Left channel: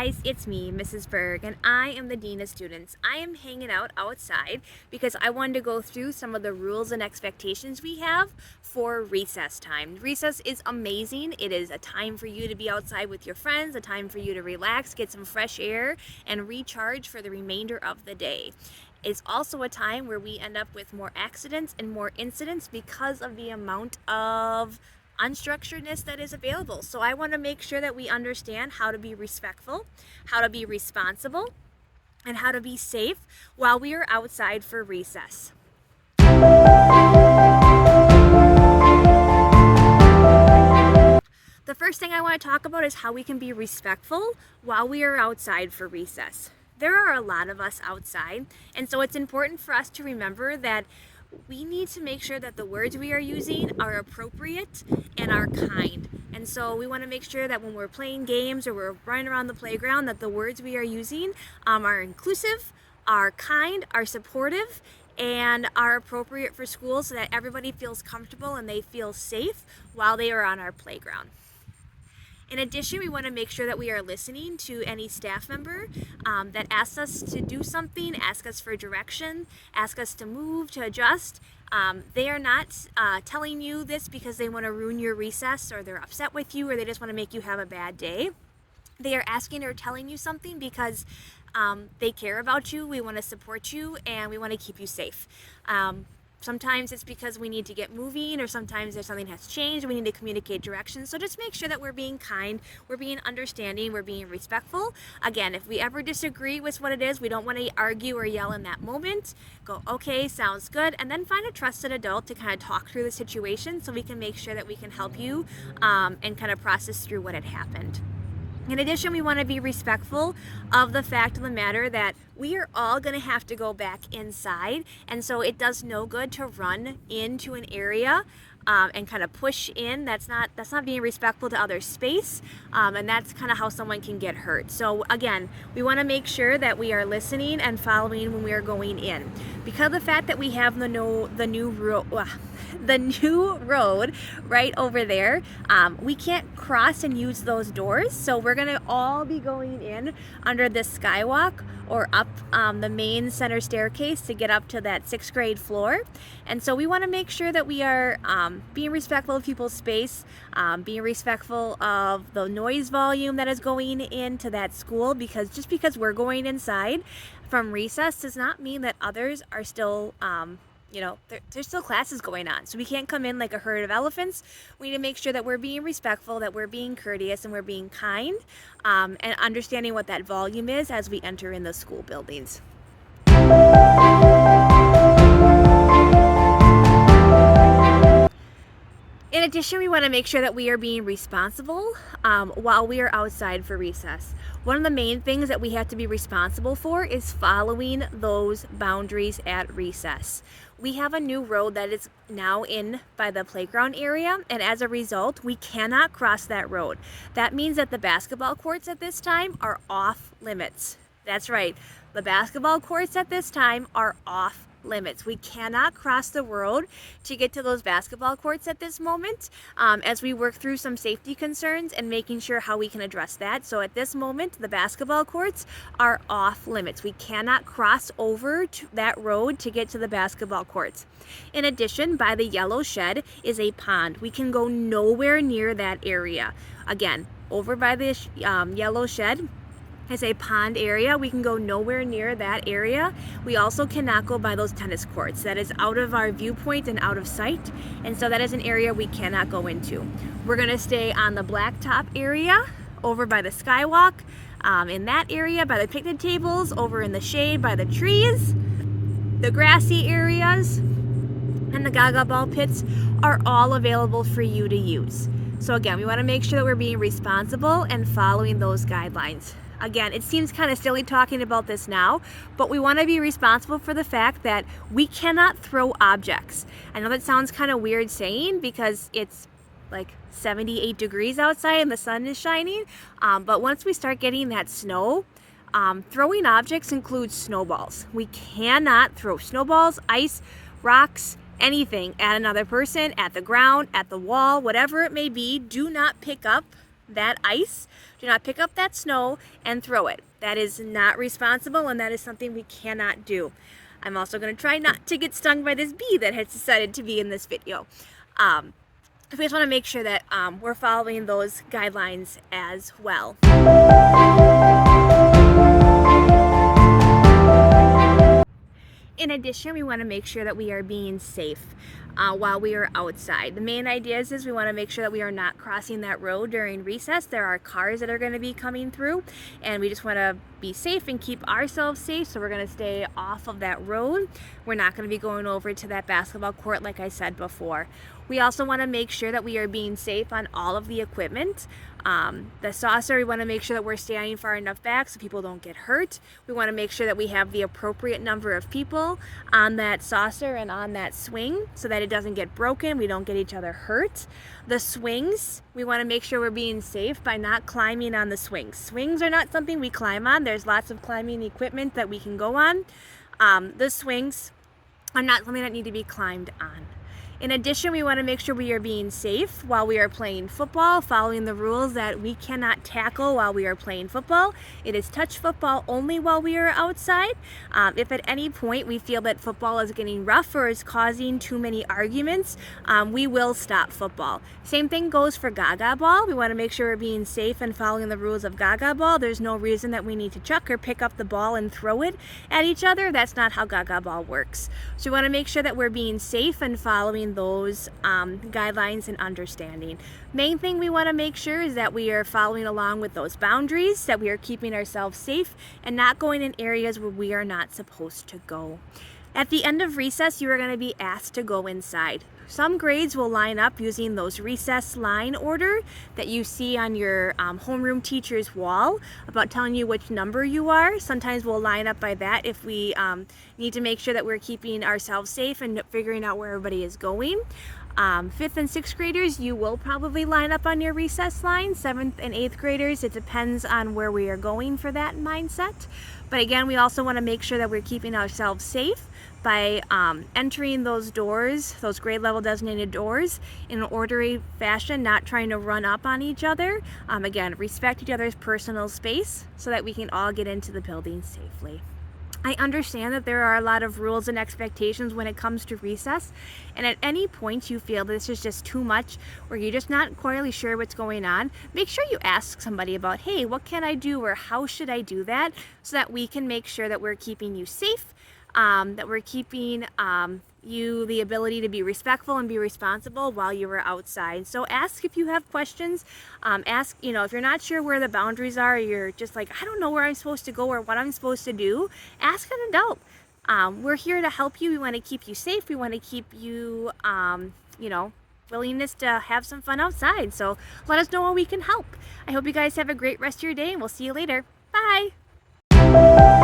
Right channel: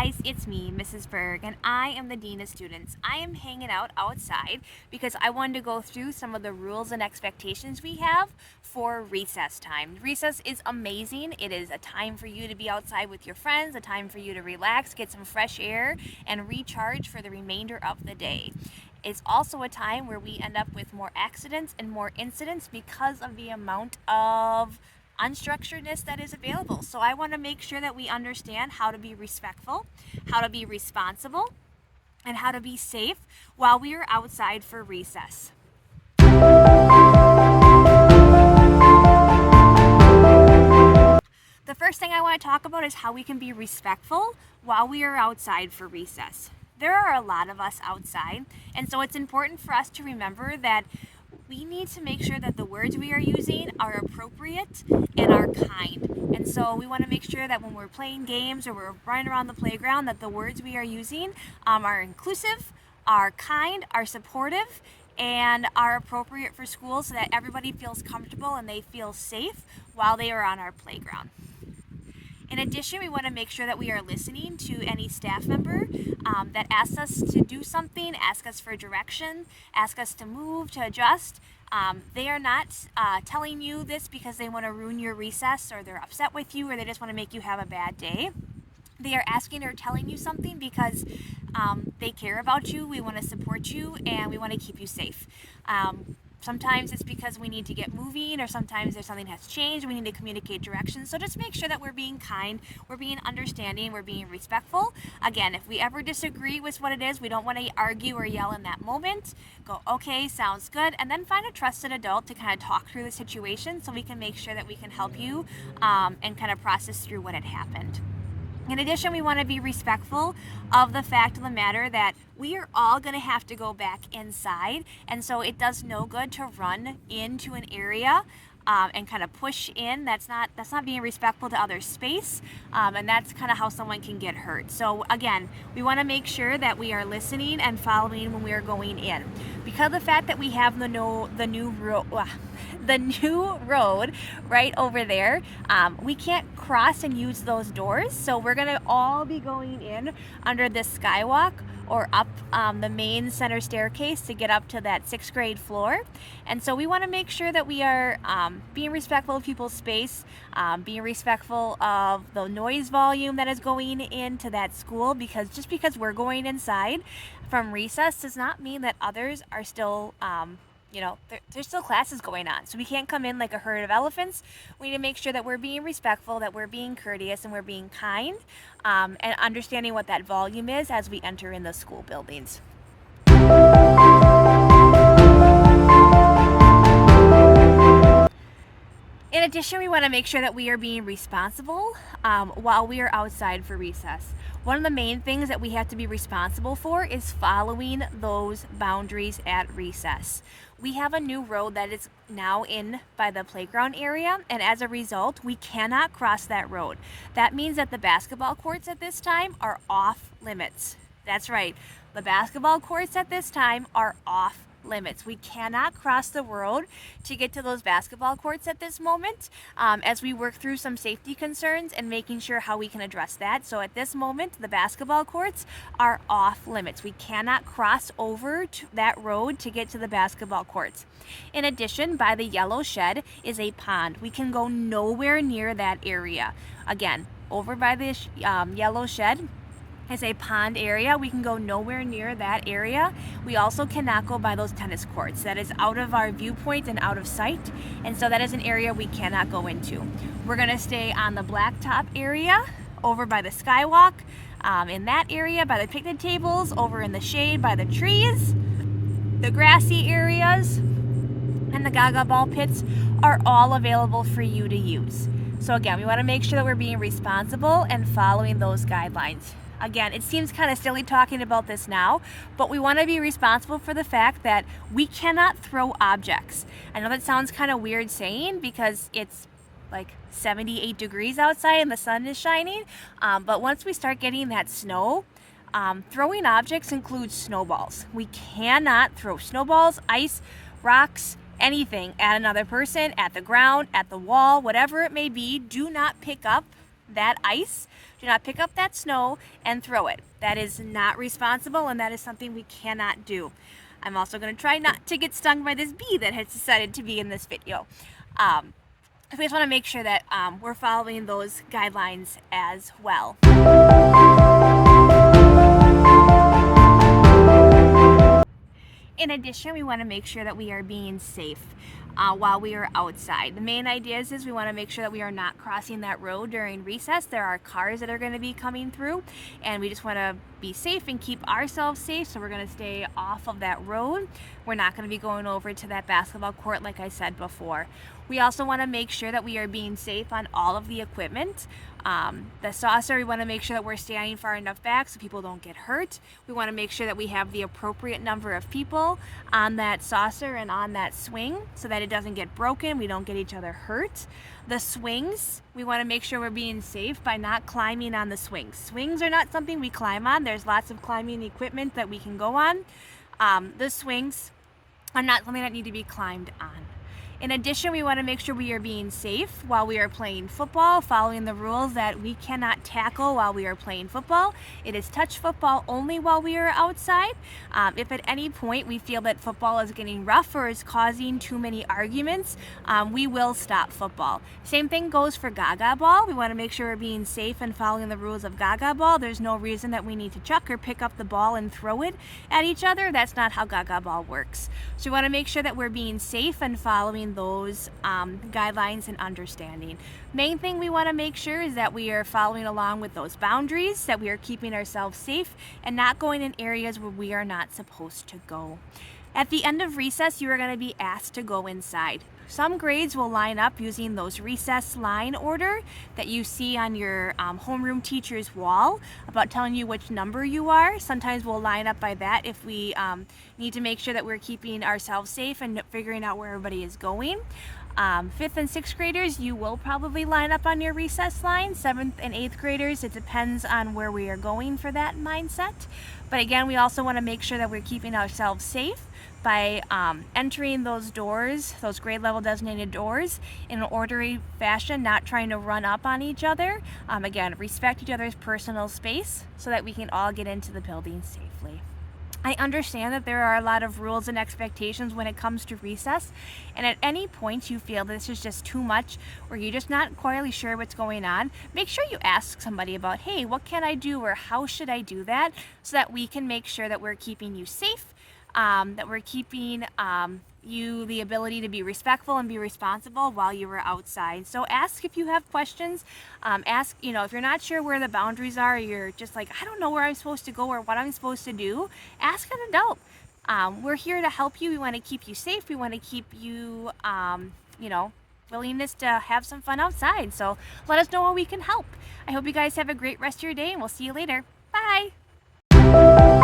guys, it's me, Mrs. Berg, and I am the Dean of Students. I am hanging out outside because I wanted to go through some of the rules and expectations we have for recess time. Recess is amazing. It is a time for you to be outside with your friends, a time for you to relax, get some fresh air, and recharge for the remainder of the day. It's also a time where we end up with more accidents and more incidents because of the amount of unstructuredness that is available. So I want to make sure that we understand how to be respectful, how to be responsible, and how to be safe while we are outside for recess. The first thing I want to talk about is how we can be respectful while we are outside for recess. There are a lot of us outside, and so it's important for us to remember that we need to make sure that the words we are using are appropriate and are kind. And so we want to make sure that when we're playing games or we're running around the playground, that the words we are using are inclusive, are kind, are supportive, and are appropriate for school so that everybody feels comfortable and they feel safe while they are on our playground. In addition, we want to make sure that we are listening to any staff member that asks us to do something, ask us for direction, ask us to move, to adjust. They are not telling you this because they want to ruin your recess or they're upset with you or they just want to make you have a bad day. They are asking or telling you something because they care about you, we want to support you, and we want to keep you safe. Sometimes it's because we need to get moving, or sometimes there's something has changed, we need to communicate directions. So just make sure that we're being kind, we're being understanding, we're being respectful. Again, if we ever disagree with what it is, we don't want to argue or yell in that moment. Go, okay, sounds good, and then find a trusted adult to kind of talk through the situation so we can make sure that we can help you and kind of process through what had happened. In addition, we want to be respectful of the fact of the matter that we are all going to have to go back inside, and so it does no good to run into an area and kind of push in. That's not being respectful to other space, and that's kind of how someone can get hurt. So again, we want to make sure that we are listening and following when we are going in. Because of the fact that we have the new road right over there, we can't cross and use those doors, so we're gonna all be going in under the skywalk or up the main center staircase to get up to that 6th grade floor. And so we want to make sure that we are being respectful of people's space, being respectful of the noise volume that is going into that school, because just because we're going inside from recess does not mean that others are still there's still classes going on. So we can't come in like a herd of elephants. We need to make sure that we're being respectful, that we're being courteous, and we're being kind, and understanding what that volume is as we enter in the school buildings. In addition, we want to make sure that we are being responsible while we are outside for recess. One of the main things that we have to be responsible for is following those boundaries at recess. We have a new road that is now in by the playground area, and as a result, we cannot cross that road. That means that the basketball courts at this time are off limits. That's right, the basketball courts at this time are off limits. We cannot cross the road to get to those basketball courts at this moment, as we work through some safety concerns and making sure how we can address that. So at this moment, the basketball courts are off limits. We cannot cross over to that road to get to the basketball courts. In addition, by the yellow shed is a pond. We can go nowhere near that area. Again, over by the yellow shed is a pond area. We can go nowhere near that area. We also cannot go by those tennis courts. That is out of our viewpoint and out of sight, and so that is an area we cannot go into. We're gonna stay on the blacktop area over by the skywalk, in that area by the picnic tables, over in the shade by the trees. The grassy areas and the Gaga ball pits are all available for you to use. So again, we want to make sure that we're being responsible and following those guidelines. Again, it seems kind of silly talking about this now, but we want to be responsible for the fact that we cannot throw objects. I know that sounds kind of weird saying because it's like 78 degrees outside and the sun is shining, but once we start getting that snow, throwing objects includes snowballs. We cannot throw snowballs, ice, rocks, anything at another person, at the ground, at the wall, whatever it may be. Do not pick up that ice, do not pick up that snow and throw it. That is not responsible, and that is something we cannot do. I'm also going to try not to get stung by this bee that has decided to be in this video. We just want to make sure that we're following those guidelines as well. In addition, we want to make sure that we are being safe while we are outside. The main idea is we want to make sure that we are not crossing that road during recess. There are cars that are going to be coming through, and we just want to be safe and keep ourselves safe, so we're going to stay off of that road. We're not going to be going over to that basketball court like I said before. We also want to make sure that we are being safe on all of the equipment. The saucer, we want to make sure that we're standing far enough back so people don't get hurt. We want to make sure that we have the appropriate number of people on that saucer and on that swing so that it doesn't get broken, we don't get each other hurt. The swings, we want to make sure we're being safe by not climbing on the swings. Swings are not something we climb on. There's lots of climbing equipment that we can go on. The swings are not something that need to be climbed on. In addition, we want to make sure we are being safe while we are playing football, following the rules that we cannot tackle while we are playing football. It is touch football only while we are outside. If at any point we feel that football is getting rough or is causing too many arguments, we will stop football. Same thing goes for Gaga ball. We want to make sure we're being safe and following the rules of Gaga ball. There's no reason that we need to chuck or pick up the ball and throw it at each other. That's not how Gaga ball works. So we want to make sure that we're being safe and following those guidelines and understanding. Main thing we want to make sure is that we are following along with those boundaries, that we are keeping ourselves safe and not going in areas where we are not supposed to go. At the end of recess, you are going to be asked to go inside. Some grades will line up using those recess line order that you see on your homeroom teacher's wall about telling you which number you are. Sometimes we'll line up by that if we need to make sure that we're keeping ourselves safe and figuring out where everybody is going. 5th and 6th graders, you will probably line up on your recess line. 7th and 8th graders, it depends on where we are going for that mindset. But again, we also want to make sure that we're keeping ourselves safe by entering those doors, those grade level designated doors, in an orderly fashion, not trying to run up on each other. Again, respect each other's personal space so that we can all get into the building safely. I understand that there are a lot of rules and expectations when it comes to recess, and at any point you feel this is just too much or you're just not quite really sure what's going on, make sure you ask somebody about, hey, what can I do or how should I do that, so that we can make sure that we're keeping you safe, that we're keeping you the ability to be respectful and be responsible while you are outside. So ask if you have questions. Ask, if you're not sure where the boundaries are, you're just like, I don't know where I'm supposed to go or what I'm supposed to do, ask an adult. We're here to help you. We want to keep you safe. We want to keep you, willingness to have some fun outside. So let us know how we can help. I hope you guys have a great rest of your day, and we'll see you later. Bye.